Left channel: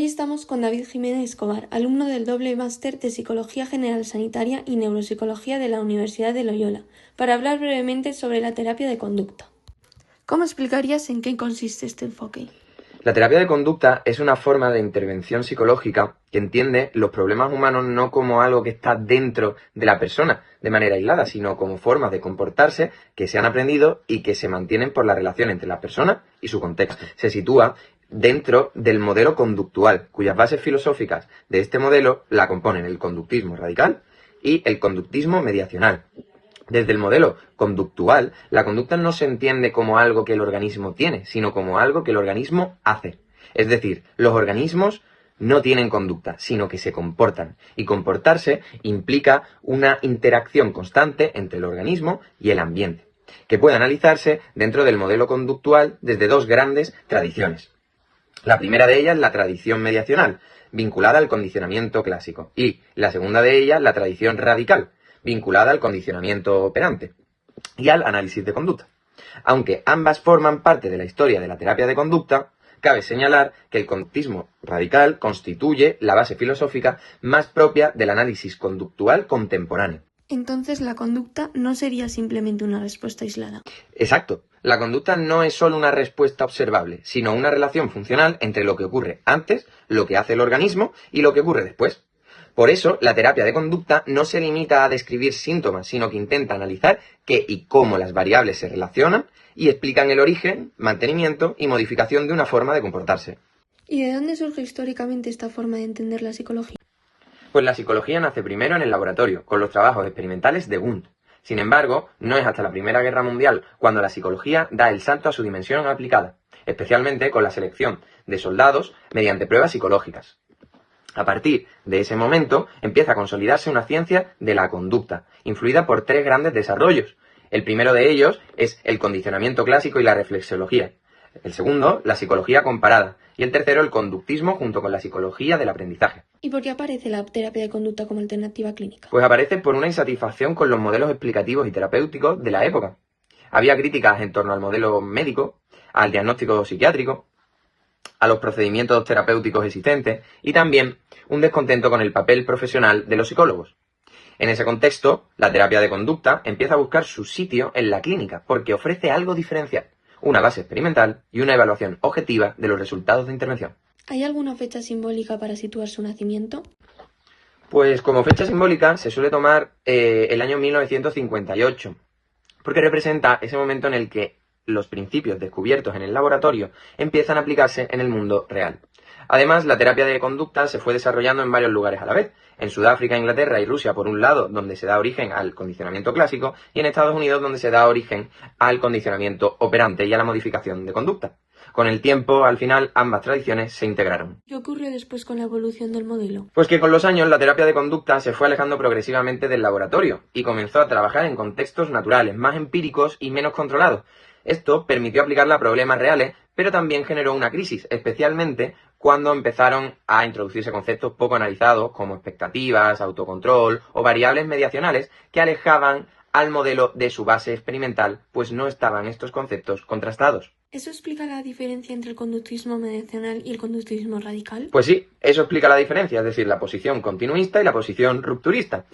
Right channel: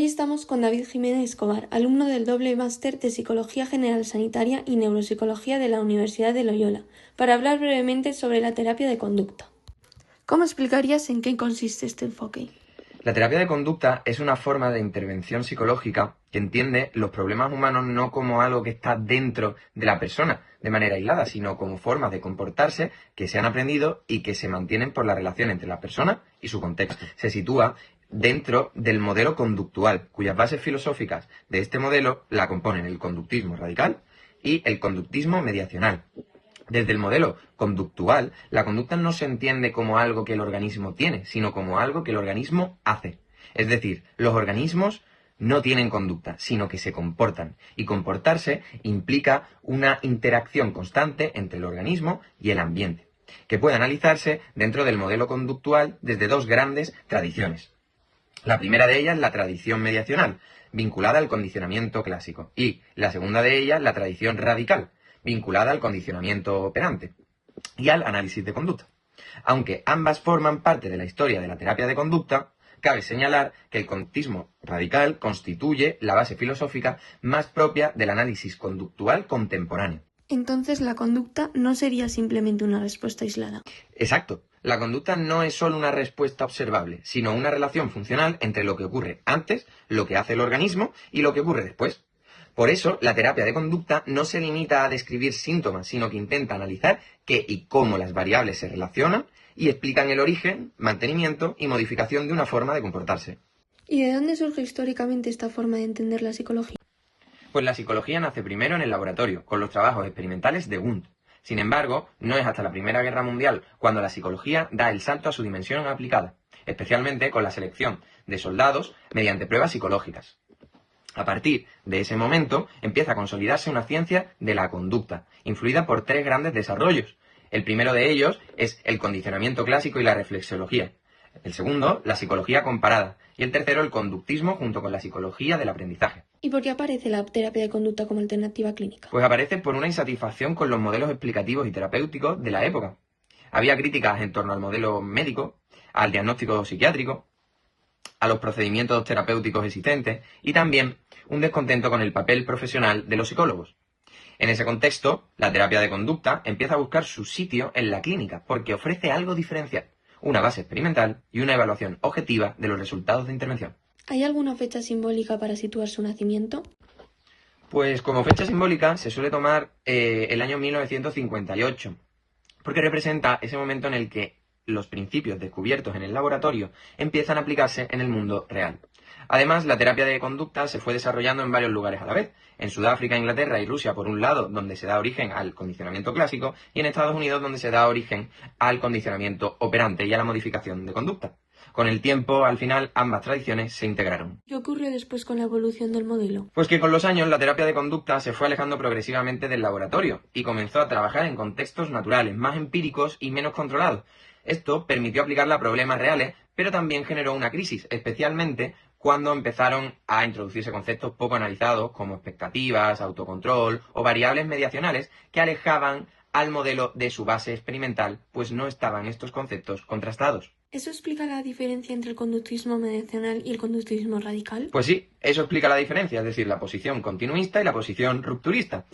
Hoy estamos con David Jiménez Escobar, alumno del doble máster de Psicología General Sanitaria y Neuropsicología de la Universidad de Loyola, para hablar brevemente sobre la terapia de conducta. ¿Cómo explicarías en qué consiste este enfoque? La terapia de conducta es una forma de intervención psicológica que entiende los problemas humanos no como algo que está dentro de la persona de manera aislada, sino como formas de comportarse que se han aprendido y que se mantienen por la relación entre la persona y su contexto. Se sitúa dentro del modelo conductual, cuyas bases filosóficas de este modelo la componen el conductismo radical y el conductismo mediacional. Desde el modelo conductual, la conducta no se entiende como algo que el organismo tiene, sino como algo que el organismo hace. Es decir, los organismos no tienen conducta, sino que se comportan. Y comportarse implica una interacción constante entre el organismo y el ambiente, que puede analizarse dentro del modelo conductual desde dos grandes tradiciones. La primera de ellas, la tradición mediacional, vinculada al condicionamiento clásico, y la segunda de ellas, la tradición radical, vinculada al condicionamiento operante y al análisis de conducta. Aunque ambas forman parte de la historia de la terapia de conducta, cabe señalar que el conductismo radical constituye la base filosófica más propia del análisis conductual contemporáneo. Entonces, la conducta no sería simplemente una respuesta aislada. Exacto. La conducta no es solo una respuesta observable, sino una relación funcional entre lo que ocurre antes, lo que hace el organismo y lo que ocurre después. Por eso, la terapia de conducta no se limita a describir síntomas, sino que intenta analizar qué y cómo las variables se relacionan y explican el origen, mantenimiento y modificación de una forma de comportarse. ¿Y de dónde surge históricamente esta forma de entender la psicología? Pues la psicología nace primero en el laboratorio, con los trabajos experimentales de Wundt. Sin embargo, no es hasta la Primera Guerra Mundial cuando la psicología da el salto a su dimensión aplicada, especialmente con la selección de soldados mediante pruebas psicológicas. A partir de ese momento empieza a consolidarse una ciencia de la conducta, influida por tres grandes desarrollos. El primero de ellos es el condicionamiento clásico y la reflexología. El segundo, la psicología comparada. Y el tercero, el conductismo junto con la psicología del aprendizaje. ¿Y por qué aparece la terapia de conducta como alternativa clínica? Pues aparece por una insatisfacción con los modelos explicativos y terapéuticos de la época. Había críticas en torno al modelo médico, al diagnóstico psiquiátrico, a los procedimientos terapéuticos existentes y también un descontento con el papel profesional de los psicólogos. En ese contexto, la terapia de conducta empieza a buscar su sitio en la clínica porque ofrece algo diferencial, una base experimental y una evaluación objetiva de los resultados de intervención. ¿Hay alguna fecha simbólica para situar su nacimiento? Pues como fecha simbólica se suele tomar el año 1958, porque representa ese momento en el que los principios descubiertos en el laboratorio empiezan a aplicarse en el mundo real. Además, la terapia de conducta se fue desarrollando en varios lugares a la vez. En Sudáfrica, Inglaterra y Rusia, por un lado, donde se da origen al condicionamiento clásico, y en Estados Unidos, donde se da origen al condicionamiento operante y a la modificación de conducta. Con el tiempo, al final, ambas tradiciones se integraron. ¿Qué ocurrió después con la evolución del modelo? Pues que con los años la terapia de conducta se fue alejando progresivamente del laboratorio y comenzó a trabajar en contextos naturales, más empíricos y menos controlados. Esto permitió aplicarla a problemas reales, pero también generó una crisis, especialmente cuando empezaron a introducirse conceptos poco analizados como expectativas, autocontrol o variables mediacionales que alejaban al modelo de su base experimental, pues no estaban estos conceptos contrastados. ¿Eso explica la diferencia entre el conductismo mediacional y el conductismo radical? Pues sí, eso explica la diferencia, es decir, la posición continuista y la posición rupturista.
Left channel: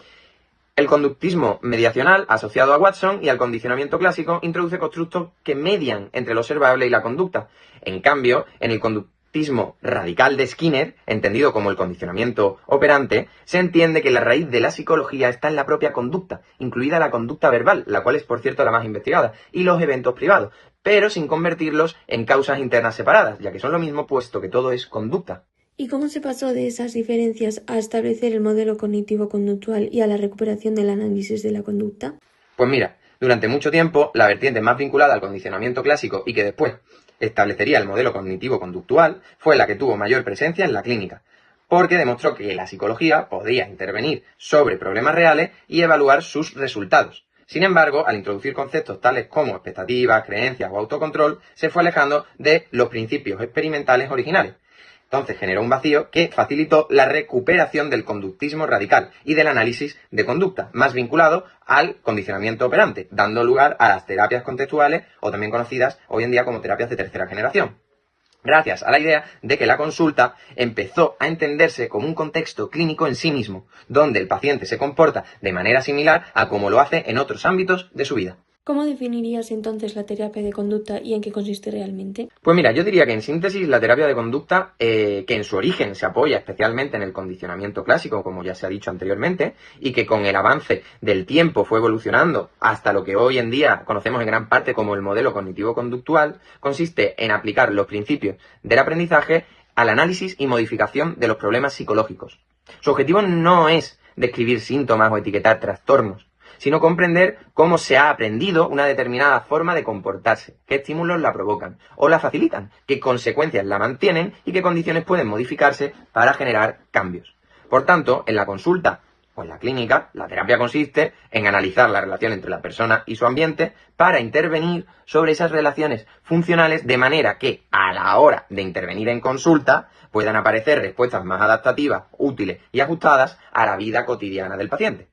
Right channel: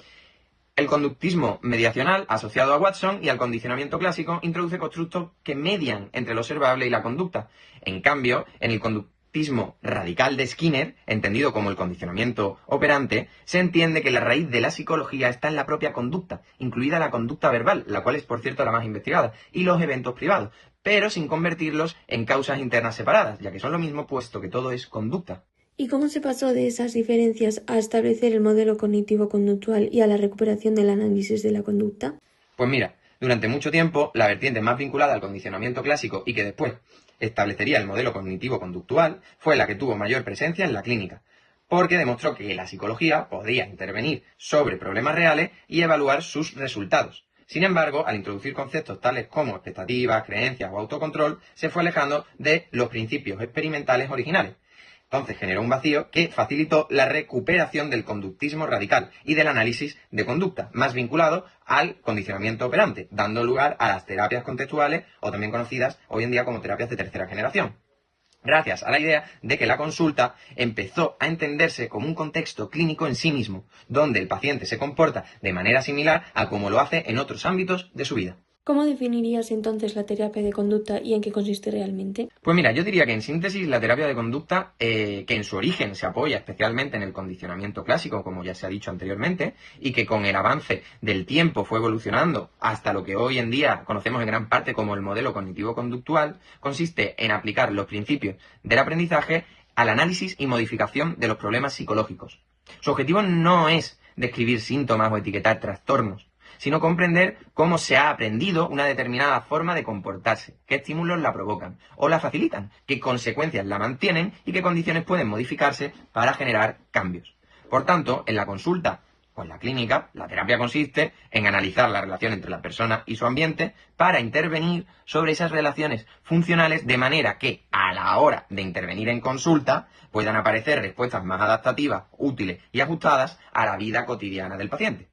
El conductismo mediacional, asociado a Watson y al condicionamiento clásico, introduce constructos que median entre lo observable y la conducta. En cambio, en el conductismo radical de Skinner, entendido como el condicionamiento operante, se entiende que la raíz de la psicología está en la propia conducta, incluida la conducta verbal, la cual es, por cierto, la más investigada, y los eventos privados, pero sin convertirlos en causas internas separadas, ya que son lo mismo puesto que todo es conducta. ¿Y cómo se pasó de esas diferencias a establecer el modelo cognitivo-conductual y a la recuperación del análisis de la conducta? Pues mira, durante mucho tiempo, la vertiente más vinculada al condicionamiento clásico y que después establecería el modelo cognitivo-conductual fue la que tuvo mayor presencia en la clínica, porque demostró que la psicología podía intervenir sobre problemas reales y evaluar sus resultados. Sin embargo, al introducir conceptos tales como expectativas, creencias o autocontrol, se fue alejando de los principios experimentales originales. Entonces generó un vacío que facilitó la recuperación del conductismo radical y del análisis de conducta, más vinculado al condicionamiento operante, dando lugar a las terapias contextuales o también conocidas hoy en día como terapias de tercera generación. gracias a la idea de que la consulta empezó a entenderse como un contexto clínico en sí mismo, donde el paciente se comporta de manera similar a como lo hace en otros ámbitos de su vida. ¿Cómo definirías entonces la terapia de conducta y en qué consiste realmente? Pues mira, yo diría que en síntesis la terapia de conducta, que en su origen se apoya especialmente en el condicionamiento clásico, como ya se ha dicho anteriormente, y que con el avance del tiempo fue evolucionando hasta lo que hoy en día conocemos en gran parte como el modelo cognitivo-conductual, consiste en aplicar los principios del aprendizaje al análisis y modificación de los problemas psicológicos. Su objetivo no es describir síntomas o etiquetar trastornos, sino comprender cómo se ha aprendido una determinada forma de comportarse, qué estímulos la provocan o la facilitan, qué consecuencias la mantienen y qué condiciones pueden modificarse para generar cambios. Por tanto, en la consulta o en la clínica, la terapia consiste en analizar la relación entre la persona y su ambiente para intervenir sobre esas relaciones funcionales de manera que, a la hora de intervenir en consulta, puedan aparecer respuestas más adaptativas, útiles y ajustadas a la vida cotidiana del paciente.